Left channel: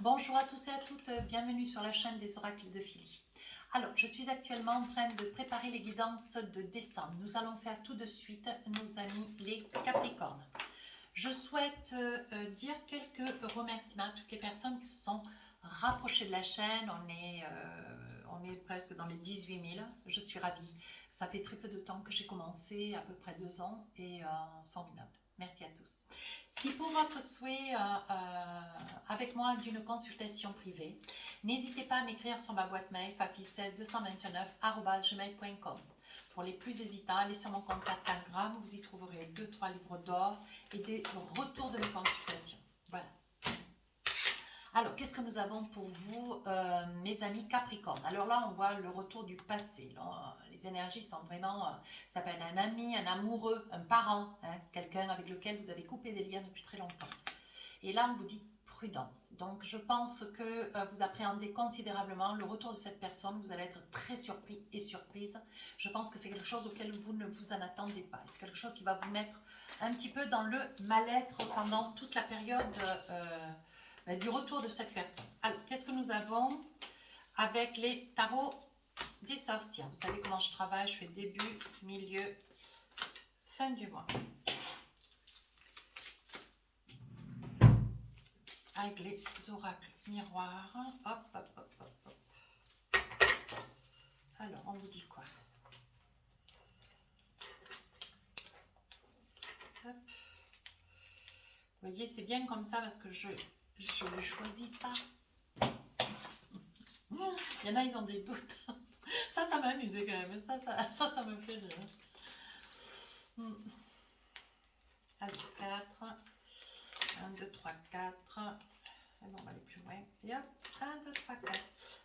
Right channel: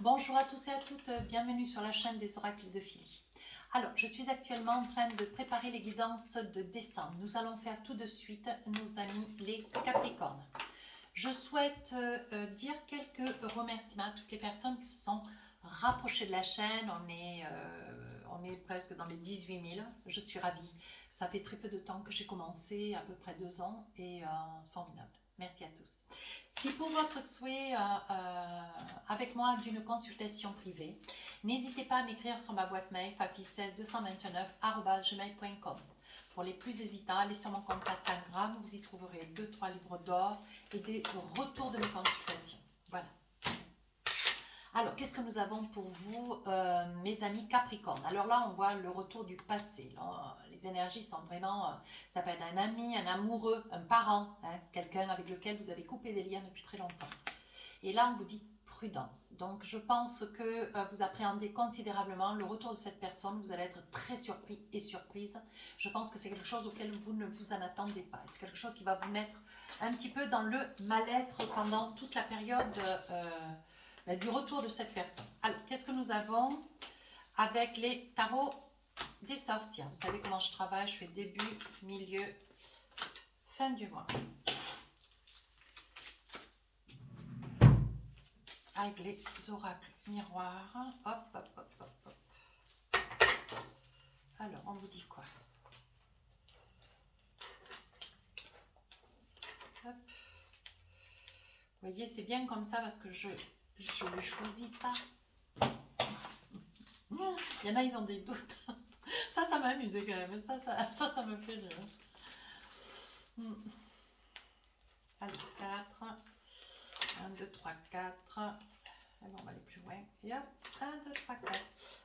Bonjour à tous et à toutes, bienvenue sur la chaîne des oracles de Philly. Alors, je suis actuellement en train de préparer les guidances de décembre. Nous allons faire tout de suite nos amis les Capricornes. Je souhaite dire quelques remerciements à toutes les personnes qui se sont rapprochées de la chaîne. On est presque dans les 18 000. Je suis ravie. Ça fait très peu de temps que j'ai commencé, à peu près 2 ans, et formidable. Merci à tous. Si pour votre souhait avec moi d'une consultation privée, n'hésitez pas à m'écrire sur ma boîte mail fafi16 229@gmail.com. Pour les plus hésitants, allez sur mon compte Instagram, vous y trouverez 2-3 livres d'or et des retours de mes consultations. Voilà. Alors, qu'est-ce que nous avons pour vous, mes amis Capricorne? Alors là, on voit le retour du passé. Là, les énergies sont vraiment, ça peut être un ami, un amoureux, un parent, hein, quelqu'un avec lequel vous avez coupé des liens depuis très longtemps. Et là, on vous dit prudence. Donc, je pense que vous appréhendez considérablement le retour de cette personne. Vous allez être très surpris et surprise. Je pense que c'est quelque chose auquel vous ne vous en attendez pas. C'est quelque chose qui va vous mettre un petit peu dans le mal-être pendant toute la période du retour de cette personne. Alors, qu'est-ce que nous avons avec les tarots des sorcières? Vous savez comment je travaille, je fais début, milieu, fin du mois. Avec les oracles miroirs. Hop, hop, hop, hop, hop. Alors, on vous dit quoi? Hop. Vous voyez, c'est bien comme ça parce que je ne choisis pas. Il y en a, ils ont des doutes. Ça m'a amusé quand même. Ça me fait rire. Allez, 4. 1, 2, 3, 4. Alors, on va aller plus loin. Et hop, 1, 2, 3, 4.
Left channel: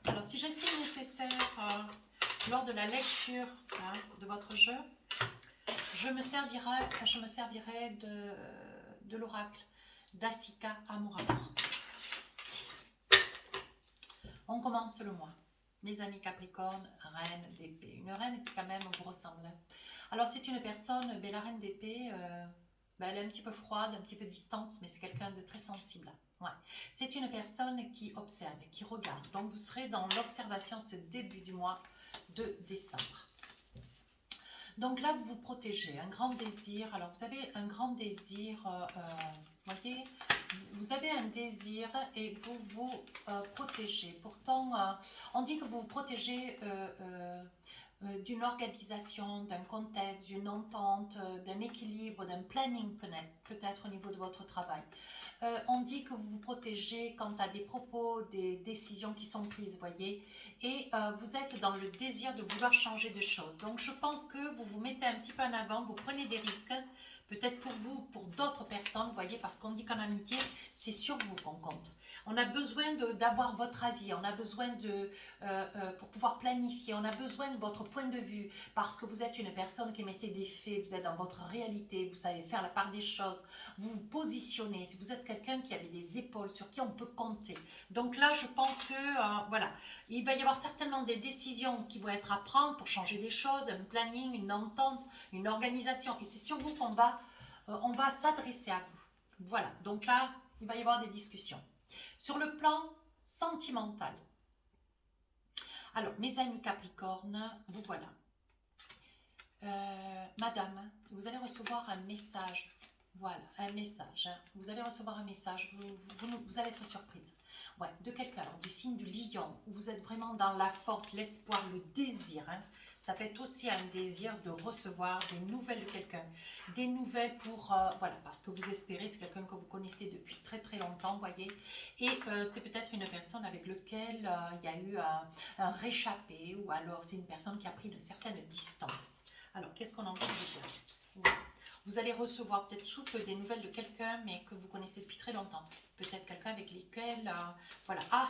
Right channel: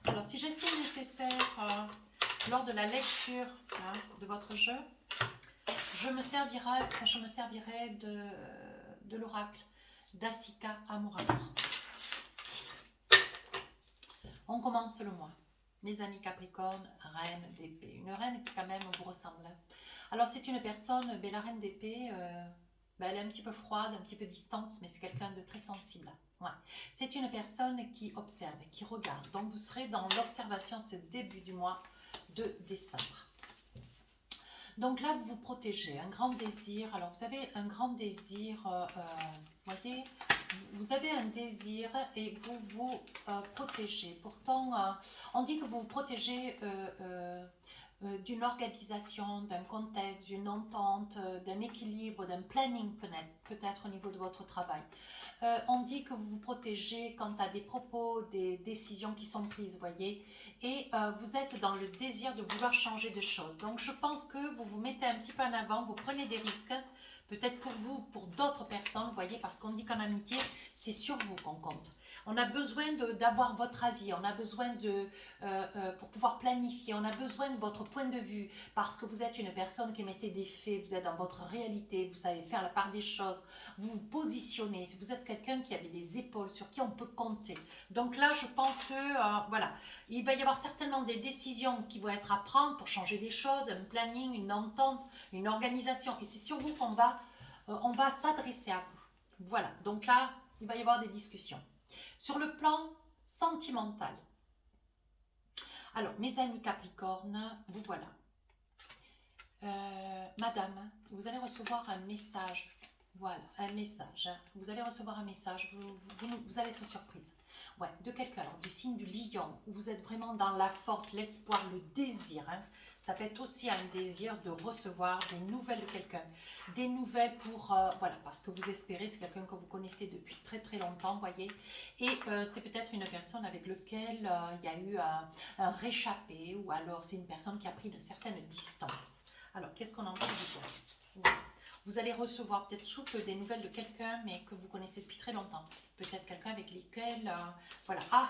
Alors, si j'estime nécessaire, lors de la lecture de votre jeu, je me servirai de l'oracle d'Asika Amourator. On commence le mois. Mes amis Capricorne, reine d'épée. Une reine qui quand même vous ressemble. Alors c'est une personne, la reine d'épée, elle est un petit peu froide, un petit peu distante, mais c'est quelqu'un de très sensible. Ouais. C'est une personne qui observe, qui regarde. Donc vous serez dans l'observation ce début du mois de décembre. Donc là, vous vous protégez, un grand désir. Alors, vous avez un grand désir, voyez, vous avez un désir et vous vous protégez. Pourtant, on dit que vous vous protégez d'une organisation, d'un contexte, d'une entente, d'un équilibre, d'un planning peut-être au niveau de votre travail. On dit que vous vous protégez quant à des propos, des décisions qui sont prises, voyez, et vous êtes dans le désir de vouloir changer de choses. Donc je pense que vous vous mettez un petit peu en avant, vous prenez des risques, peut-être pour vous, pour d'autres personnes, vous voyez, parce qu'on dit qu'en amitié, c'est sur vous qu'on compte. On a besoin d'avoir votre avis, on a besoin pour pouvoir planifier, on a besoin de votre point de vue, parce que vous êtes une personne qui émettez des faits, vous êtes dans votre réalité, vous savez faire la part des choses, vous vous positionnez, si vous êtes quelqu'un qui avait des épaules, sur qui on peut compter. Donc là, je pense que, voilà, il va y avoir certainement des décisions qui vont être à prendre pour changer des choses, un planning, une entente, une organisation, et c'est sur vous qu'on on va s'adresser à vous. Voilà, donc là, il va y avoir des discussions. Sur le plan sentimental, alors, mes amis Capricorne, vous voilà. Madame, vous allez recevoir un message. Voilà, un message. Vous allez recevoir un message. Vous allez être surprise. Ouais, de quelqu'un, du signe du lion, où vous êtes vraiment dans la force, l'espoir, le désir. Hein. Ça peut être aussi un désir de recevoir des nouvelles de quelqu'un. Des nouvelles pour, voilà, parce que vous espérez, c'est quelqu'un que vous connaissez depuis très très longtemps, voyez. Et c'est peut-être une personne avec laquelle il y a eu un réchappé, ou alors c'est une personne qui a pris une certaine distance. Alors, qu'est-ce qu'on a envie de vous dire? Vous allez recevoir peut-être sous peu des nouvelles de quelqu'un, mais que vous connaissez depuis très longtemps. Peut-être quelqu'un avec lequel, voilà. Ah,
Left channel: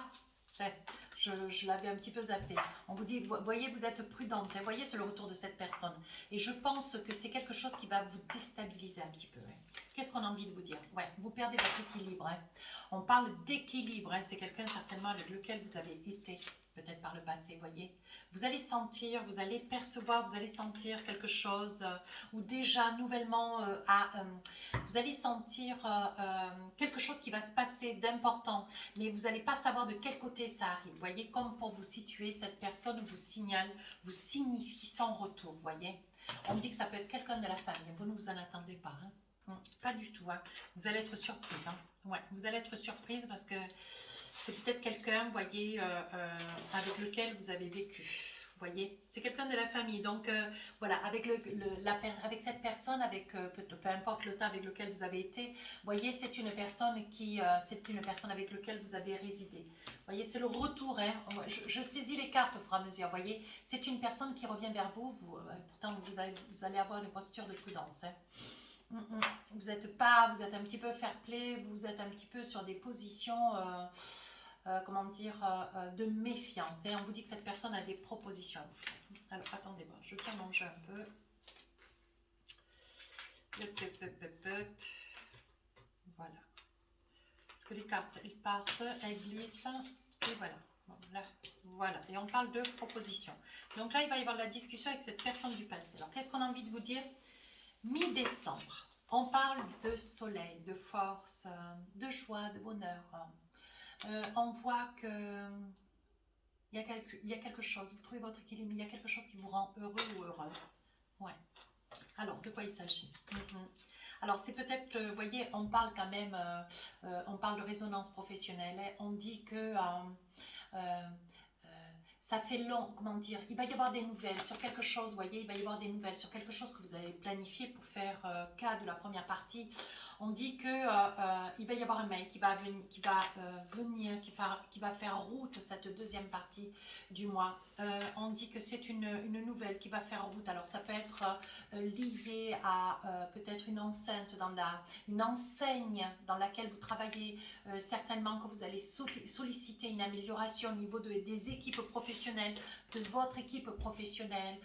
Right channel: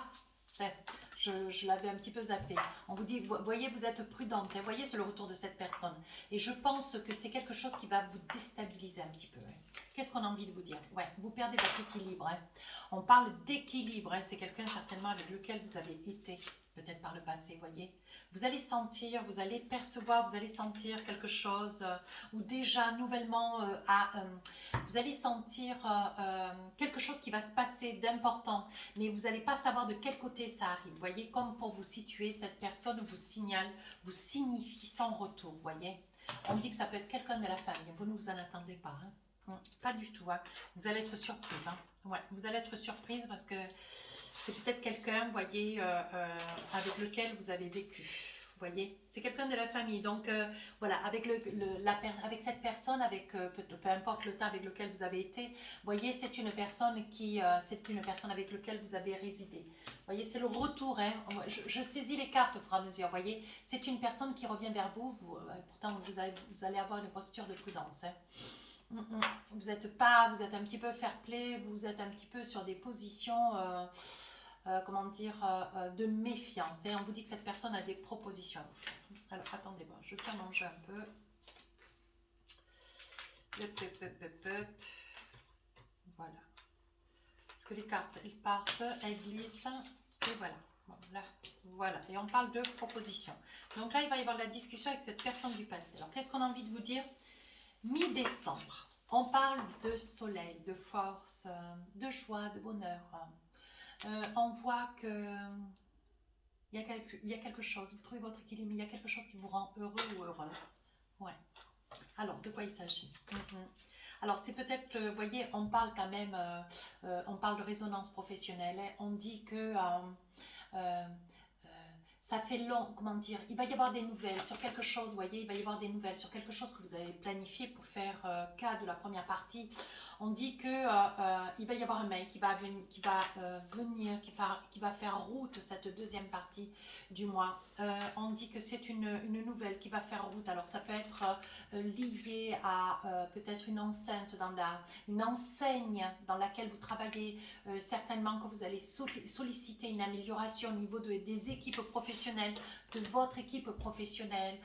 je l'avais un petit peu zappé. On vous dit, voyez, vous êtes prudente. Hein, voyez, c'est le retour de cette personne. Et je pense que c'est quelque chose qui va vous déstabiliser un petit peu. Hein. qu'est-ce qu'on a envie de vous dire? Ouais, vous perdez votre équilibre. Hein. On parle d'équilibre. Hein. C'est quelqu'un certainement avec lequel vous avez été, peut-être par le passé, voyez. Vous allez sentir, vous allez percevoir, vous allez sentir quelque chose, ou déjà nouvellement, vous allez sentir quelque chose qui va se passer d'important, mais vous n'allez pas savoir de quel côté ça arrive. Vous voyez, comme pour vous situer, cette personne vous signale, vous signifie son retour, vous voyez. On me dit que ça peut être quelqu'un de la famille, vous ne vous en attendez pas, hein. Pas du tout, hein. Vous allez être surprise, hein. Ouais, vous allez être surprise parce que c'est peut-être quelqu'un, vous voyez, avec lequel vous avez vécu. Vous voyez, c'est quelqu'un de la famille. Donc, voilà, avec, avec cette personne, avec peu importe le temps avec lequel vous avez été, vous voyez, c'est une personne avec laquelle vous avez résidé. Vous voyez, c'est le retour. Hein. Je saisis les cartes au fur et à mesure. Vous voyez, c'est une personne qui revient vers vous. Pourtant, vous allez avoir une posture de prudence. Hein. Vous êtes un petit peu fair play, vous êtes un petit peu sur des positions, comment dire, de méfiance. Et on vous dit que cette personne a des propositions à vous faire. Alors, attendez voir, je tiens mon jeu un peu. Voilà. Parce que les cartes, elles partent, elles glissent, et voilà. Voilà, et on parle de propositions. Donc là, il va y avoir de la discussion avec cette personne du passé. Alors, qu'est-ce qu'on a envie de vous dire? Mi-décembre, on parle de soleil, de force, de joie, de bonheur. On voit que il y a quelque chose, vous trouvez votre équilibre, il y a quelque chose qui vous rend heureux ou heureuse. Ouais. Alors, de quoi il s'agit? Alors, c'est peut-être, vous voyez, on parle quand même, on parle de résonance professionnelle. Hein. On dit que ça fait long, comment dire, il va y avoir des nouvelles sur quelque chose, vous voyez, il va y avoir des nouvelles sur quelque chose que vous avez planifié pour faire cas de la première partie. On dit que il va y avoir un mail qui va venir, qui va faire route cette deuxième partie du mois. On dit que c'est une nouvelle qui va faire route. Alors ça peut être lié à peut-être une enceinte une enseigne dans laquelle vous travaillez. Certainement que vous allez solliciter une amélioration au niveau des équipes professionnelles, de votre équipe professionnelle.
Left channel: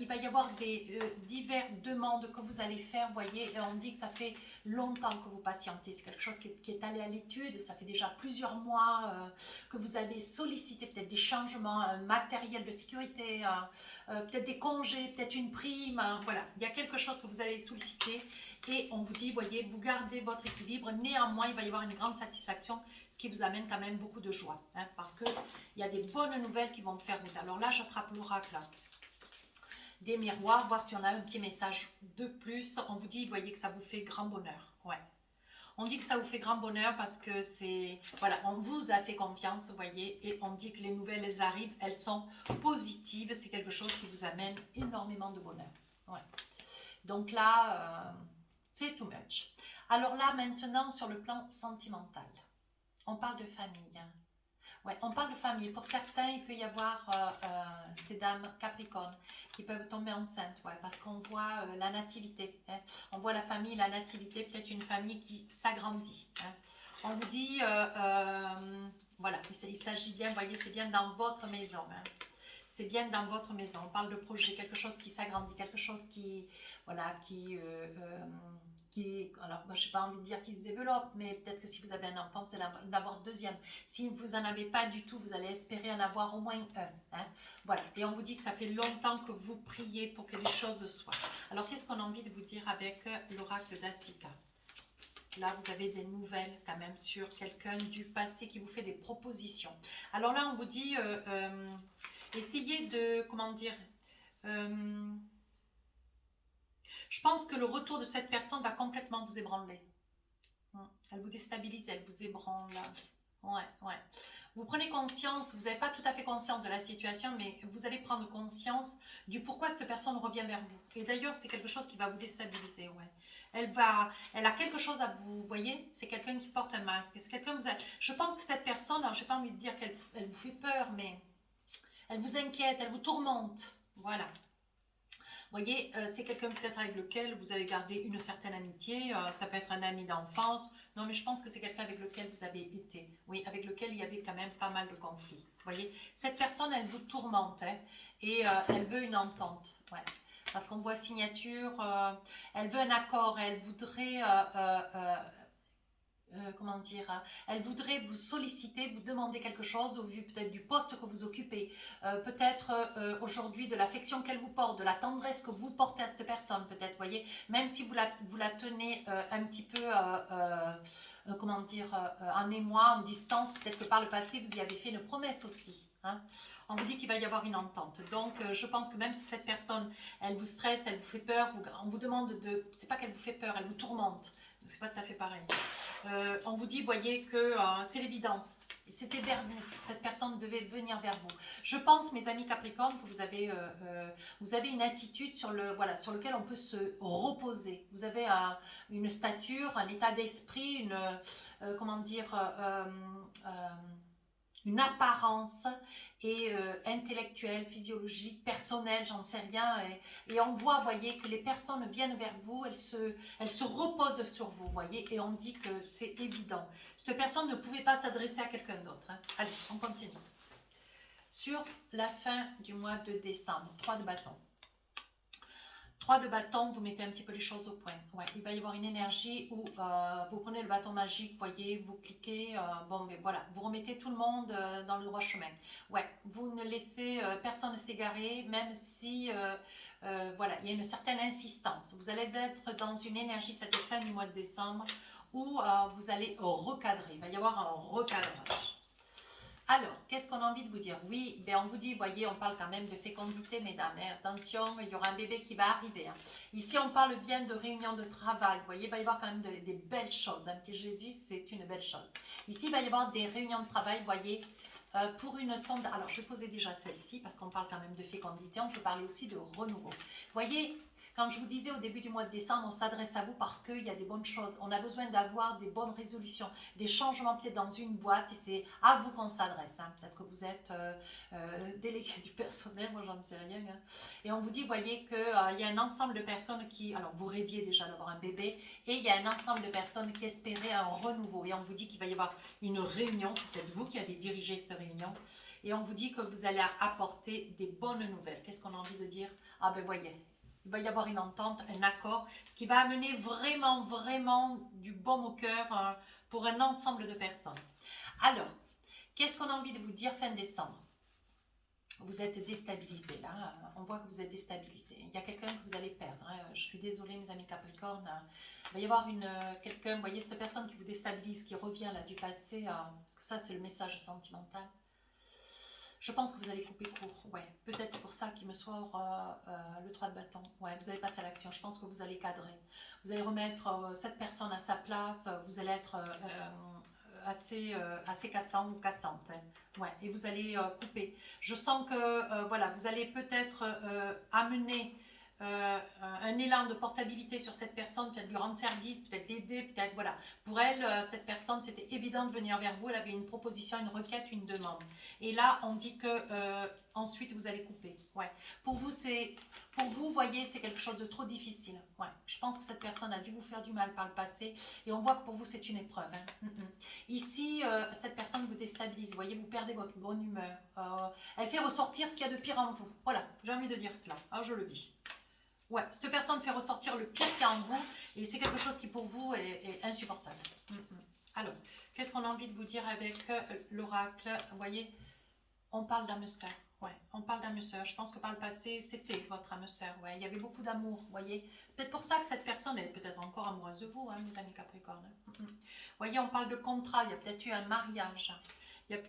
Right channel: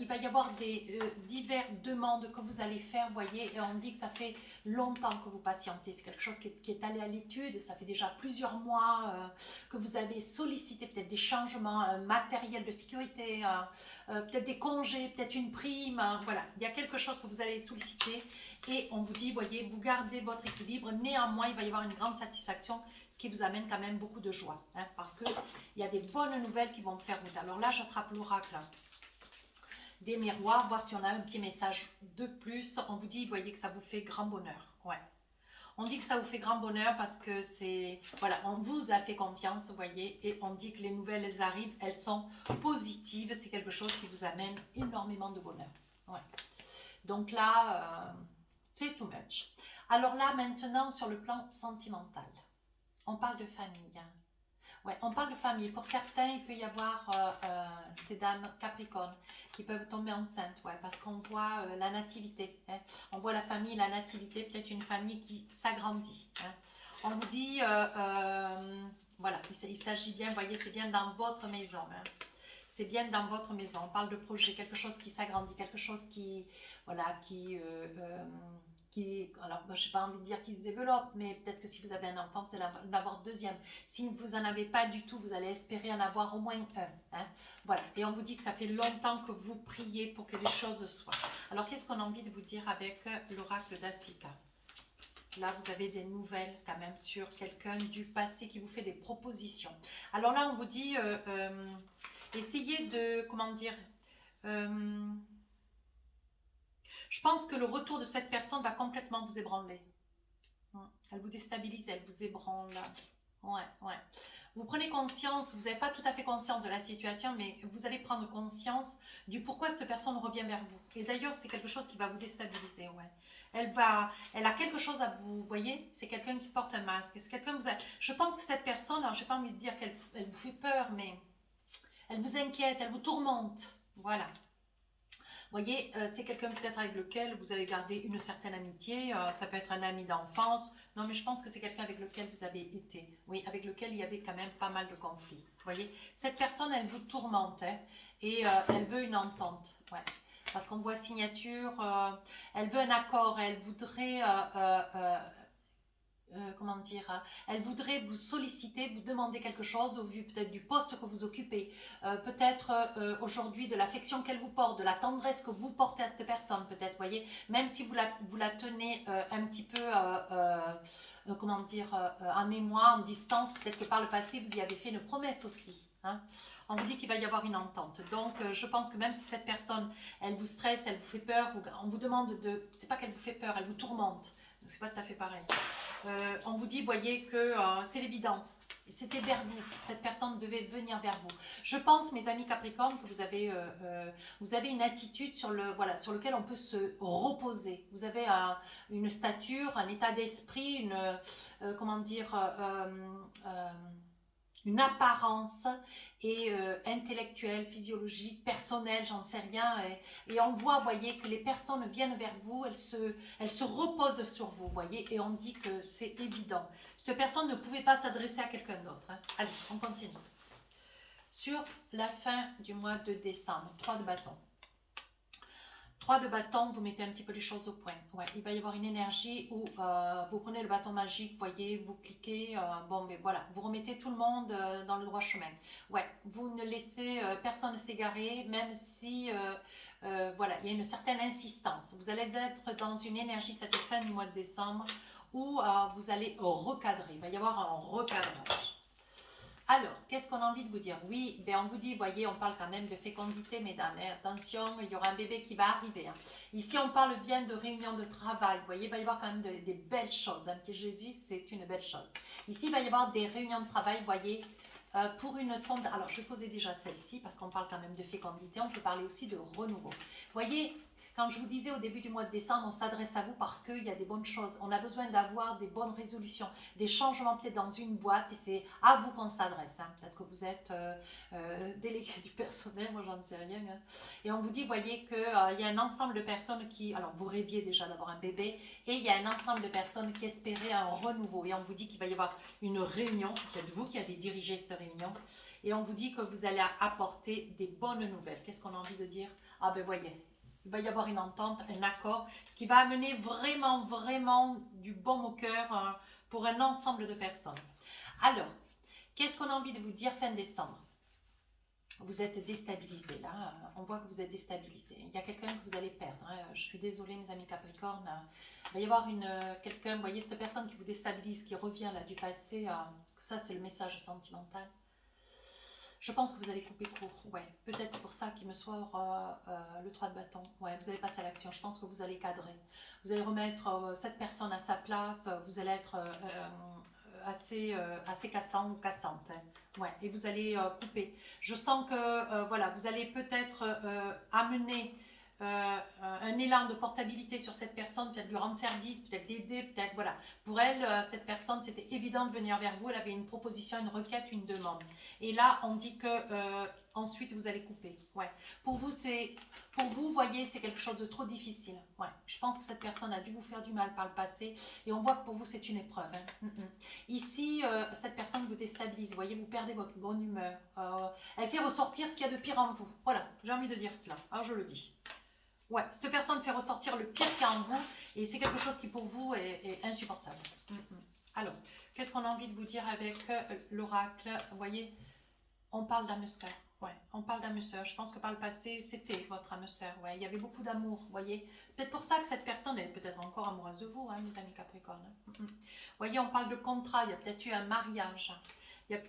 Il va y avoir des diverses demandes que vous allez faire, vous voyez, et on dit que ça fait longtemps que vous patientez. C'est quelque chose qui est allé à l'étude. Ça fait déjà plusieurs mois que vous avez sollicité peut-être des changements matériels de sécurité, peut-être des congés, peut-être une prime. Voilà, il y a quelque chose que vous allez solliciter. Et on vous dit, voyez, vous gardez votre équilibre. Néanmoins, il va y avoir une grande satisfaction, ce qui vous amène quand même beaucoup de joie. Hein, parce qu'il y a des bonnes nouvelles qui vont me faire route. Alors là, j'attrape l'oracle des miroirs, voir si on a un petit message de plus. On vous dit, voyez, que ça vous fait grand bonheur. Ouais. On dit que ça vous fait grand bonheur parce que c'est... Voilà, on vous a fait confiance, vous voyez, et on dit que les nouvelles, elles arrivent, elles sont positives. C'est quelque chose qui vous amène énormément de bonheur. Ouais. Donc là... c'est too much. Alors là, maintenant, sur le plan sentimental, on parle de famille. Hein. Ouais, on parle de famille. Pour certains, il peut y avoir ces dames capricornes qui peuvent tomber enceintes, ouais, parce qu'on voit la nativité. Hein. On voit la famille, la nativité, peut-être une famille qui s'agrandit. Hein. On vous dit, voilà, il s'agit bien, vous voyez, c'est bien dans votre maison. Hein. C'est bien dans votre maison. On parle de projet, quelque chose qui s'agrandit, quelque chose qui, voilà, alors moi, je n'ai pas envie de dire qu'il se développe, mais peut-être que si vous avez un enfant, vous allez en avoir deuxième. Si vous n'en avez pas du tout, vous allez espérer en avoir au moins un. Hein. Voilà, et on vous dit que ça fait longtemps que vous priez pour que les choses soient. Alors, qu'est-ce qu'on a envie de vous dire avec l'oracle d'Asika? Là, vous avez des nouvelles quand même sur quelqu'un du passé qui vous fait des propositions. Alors là, on vous dit, essayez de, comment dire... je pense que le retour de cette personne va complètement vous ébranler. Elle vous déstabilise, elle vous ébranle. Ouais, ouais. Vous prenez conscience, vous n'avez pas tout à fait conscience de la situation, mais vous allez prendre conscience du pourquoi cette personne revient vers vous. Et d'ailleurs, c'est quelque chose qui va vous déstabiliser, ouais. Elle a quelque chose à vous, voyez, c'est quelqu'un qui porte un masque. C'est quelqu'un vous a, je pense que cette personne, je n'ai pas envie de dire qu'elle vous fait peur, mais elle vous inquiète, elle vous tourmente. Voilà. Vous voyez, c'est quelqu'un peut-être avec lequel vous allez garder une certaine amitié. Ça peut être un ami d'enfance. Non, mais je pense que c'est quelqu'un avec lequel vous avez été. Oui, avec lequel il y avait quand même pas mal de conflits. Vous voyez, cette personne, elle vous tourmente. Hein, et elle veut une entente. Ouais. parce qu'on voit signature, elle veut un accord, elle voudrait, comment dire, elle voudrait vous solliciter, vous demander quelque chose au vu peut-être du poste que vous occupez, peut-être aujourd'hui de l'affection qu'elle vous porte, de la tendresse que vous portez à cette personne, peut-être, voyez, même si vous la tenez un petit peu, comment dire, en mémoire, en distance, peut-être que par le passé, vous y avez fait une promesse aussi, hein. On vous dit qu'il va y avoir une entente. Donc, je pense que même si cette personne, elle vous stresse, elle vous fait peur, on vous demande de... C'est pas qu'elle vous fait peur, elle vous tourmente. C'est pas tout à fait pareil. On vous dit, voyez, que c'est l'évidence. C'était vers vous. Cette personne devait venir vers vous. Je pense, mes amis Capricorne, que vous avez une attitude sur, voilà, sur lequel on peut se reposer. Vous avez une stature, un état d'esprit, comment dire, une apparence et intellectuelle, physiologique, personnelle, j'en sais rien. Et on voit, voyez, que les personnes viennent vers vous, elles se reposent sur vous, voyez, et on dit que c'est évident. Cette personne ne pouvait pas s'adresser à quelqu'un d'autre, hein. Allez, on continue. Sur la fin du mois de décembre, 3 de bâton. 3 de bâton, vous mettez un petit peu les choses au point. Ouais, il va y avoir une énergie où vous prenez le bâton magique, voyez, vous cliquez, bon, mais voilà, vous remettez tout le monde dans le droit chemin. Ouais, vous ne laissez personne s'égarer, même si, voilà, il y a une certaine insistance. Vous allez être dans une énergie cette fin du mois de décembre où vous allez recadrer. Il va y avoir un recadrage. Alors, qu'est-ce qu'on a envie de vous dire? Oui, ben on vous dit, voyez, on parle quand même de fécondité, mesdames. Hein. Attention, il y aura un bébé qui va arriver. Hein. Ici, on parle bien de réunion de travail. Vous voyez, il va y avoir quand même des belles choses. Un petit Jésus, c'est une belle chose. Ici, il va y avoir des réunions de travail, voyez, pour une sonde. Alors, je vais poser déjà celle-ci parce qu'on parle quand même de fécondité. On peut parler aussi de renouveau. Vous voyez, quand je vous disais au début du mois de décembre, on s'adresse à vous parce qu'il y a des bonnes choses. On a besoin d'avoir des bonnes résolutions, des changements peut-être dans une boîte et c'est à vous qu'on s'adresse. Hein. Peut-être que vous êtes délégué du personnel, moi j'en sais rien. Hein. Et on vous dit, voyez qu'il y a un ensemble de personnes qui, alors vous rêviez déjà d'avoir un bébé et il y a un ensemble de personnes qui espéraient un renouveau. Et on vous dit qu'il va y avoir une réunion, c'est peut-être vous qui avez dirigé cette réunion. Et on vous dit que vous allez apporter des bonnes nouvelles. Qu'est-ce qu'on a envie de dire? Ah ben voyez. Il va y avoir une entente, un accord, ce qui va amener vraiment, vraiment du baume au cœur pour un ensemble de personnes. Alors, qu'est-ce qu'on a envie de vous dire fin décembre? Vous êtes déstabilisé là, on voit que vous êtes déstabilisé. Il y a quelqu'un que vous allez perdre. Hein. Je suis désolée, mes amis Capricorne. Il va y avoir quelqu'un, vous voyez, cette personne qui vous déstabilise, qui revient là du passé, parce que ça, c'est le message sentimental. Je pense que vous allez couper court, ouais. Peut-être c'est pour ça qu'il me sort le 3 de bâton. Ouais, vous allez passer à l'action. Je pense que vous allez cadrer. Vous allez remettre cette personne à sa place. Vous allez être assez cassant ou cassante. Hein. Ouais, et vous allez couper. Je sens que voilà, vous allez peut-être amener un élan de portabilité sur cette personne, peut-être lui rendre service, peut-être l'aider, peut-être, voilà. Pour elle, cette personne, c'était évident de venir vers vous, elle avait une proposition, une requête, une demande. Et là, on dit que ensuite, vous allez couper. Ouais. Pour vous, voyez, c'est quelque chose de trop difficile. Ouais. Je pense que cette personne a dû vous faire du mal par le passé, et on voit que pour vous, c'est une épreuve. Hein. Ici, cette personne vous déstabilise, vous voyez, vous perdez votre bonne humeur. Elle fait ressortir ce qu'il y a de pire en vous. Voilà, j'ai envie de dire cela. Alors, je le dis. Ouais, cette personne fait ressortir le pire qu'il y a en vous et c'est quelque chose qui pour vous est insupportable. Alors, qu'est-ce qu'on a envie de vous dire avec l'oracle? Vous voyez, on parle d'âme sœur. Ouais, on parle d'âme sœur. Je pense que par le passé, c'était votre âme sœur. Ouais, il y avait beaucoup d'amour, vous voyez. Peut-être pour ça que cette personne est peut-être encore amoureuse de vous, hein, mes amis Capricorne. Vous voyez, on parle de contrat. Il y a peut-être eu un mariage. Il y a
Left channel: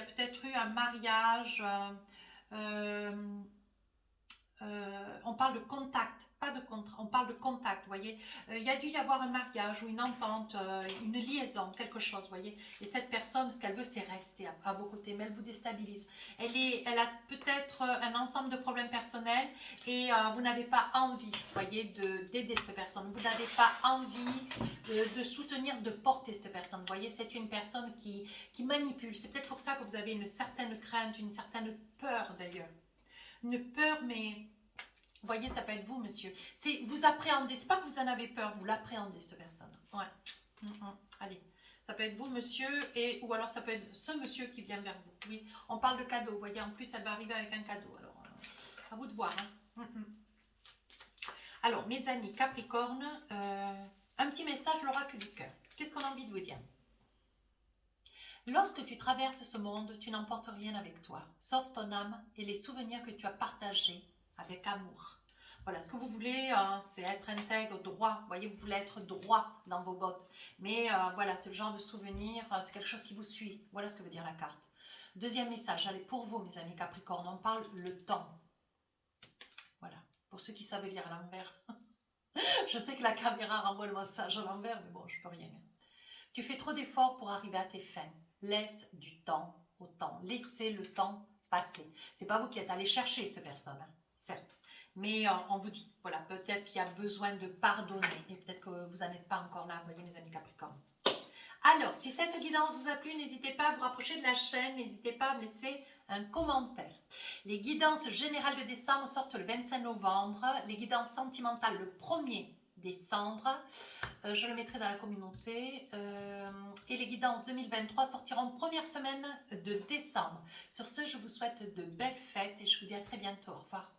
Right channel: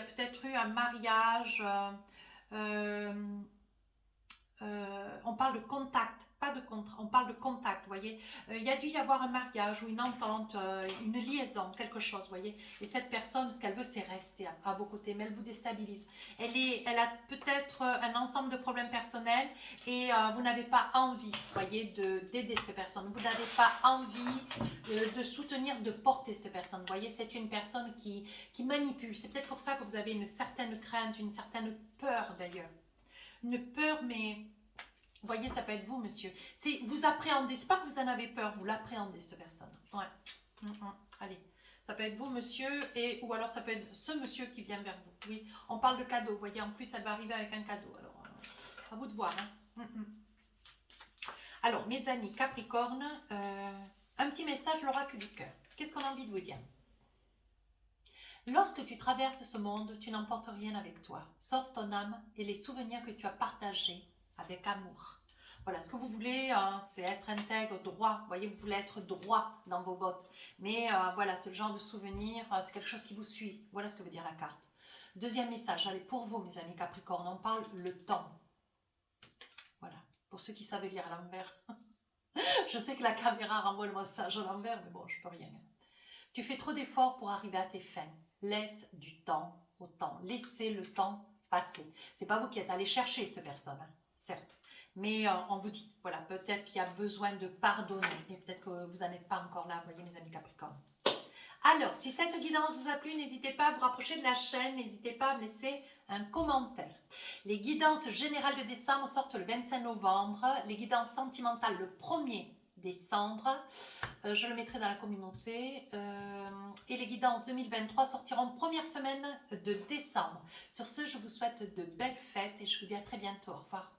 peut-être eu un mariage. On parle de contact, pas de contrat, on parle de contact, vous voyez. Il y a dû y avoir un mariage ou une entente, une liaison, quelque chose, vous voyez. Et cette personne, ce qu'elle veut, c'est rester à vos côtés, mais elle vous déstabilise. Elle a peut-être un ensemble de problèmes personnels et vous n'avez pas envie, vous voyez, d'aider cette personne. Vous n'avez pas envie de soutenir, de porter cette personne. Vous voyez, c'est une personne qui manipule. C'est peut-être pour ça que vous avez une certaine crainte, une certaine peur d'ailleurs. Une peur, mais vous voyez, ça peut être vous, monsieur. Vous appréhendez, c'est pas que vous en avez peur, vous l'appréhendez, cette personne. Ouais. Allez, ça peut être vous, monsieur, ou alors ça peut être ce monsieur qui vient vers vous. Oui, on parle de cadeau, vous voyez, en plus, elle va arriver avec un cadeau. Alors, à vous de voir. Hein. Alors, mes amis Capricorne, un petit message, l'oracle du cœur. Qu'est-ce qu'on a envie de vous dire? Lorsque tu traverses ce monde, tu n'emportes rien avec toi, sauf ton âme et les souvenirs que tu as partagés avec amour. Voilà, ce que vous voulez, c'est être intègre, droit. Vous voyez, vous voulez être droit dans vos bottes. Mais voilà, c'est le genre de souvenir, c'est quelque chose qui vous suit. Voilà ce que veut dire la carte. Deuxième message, allez, pour vous, mes amis Capricorne, on parle le temps. Voilà, pour ceux qui savent lire à l'envers. Je sais que la caméra renvoie le message à l'envers, mais bon, je peux rien. Tu fais trop d'efforts pour arriver à tes fins. Laisse du temps au temps. Laissez le temps passer. C'est pas vous qui êtes allé chercher cette personne, hein, certes. Mais on vous dit, voilà, peut-être qu'il y a besoin de pardonner. Et peut-être que vous n'en êtes pas encore là, vous voyez, mes amis Capricorne. Alors, si cette guidance vous a plu, n'hésitez pas à vous rapprocher de la chaîne. N'hésitez pas à me laisser un commentaire. Les guidances générales de décembre sortent le 25 novembre. Les guidances sentimentales le 1er décembre. Je le mettrai dans la communauté. Et les guidances 2023 sortiront première semaine de décembre. Sur ce, je vous souhaite de belles fêtes et je vous dis à très bientôt. Au revoir.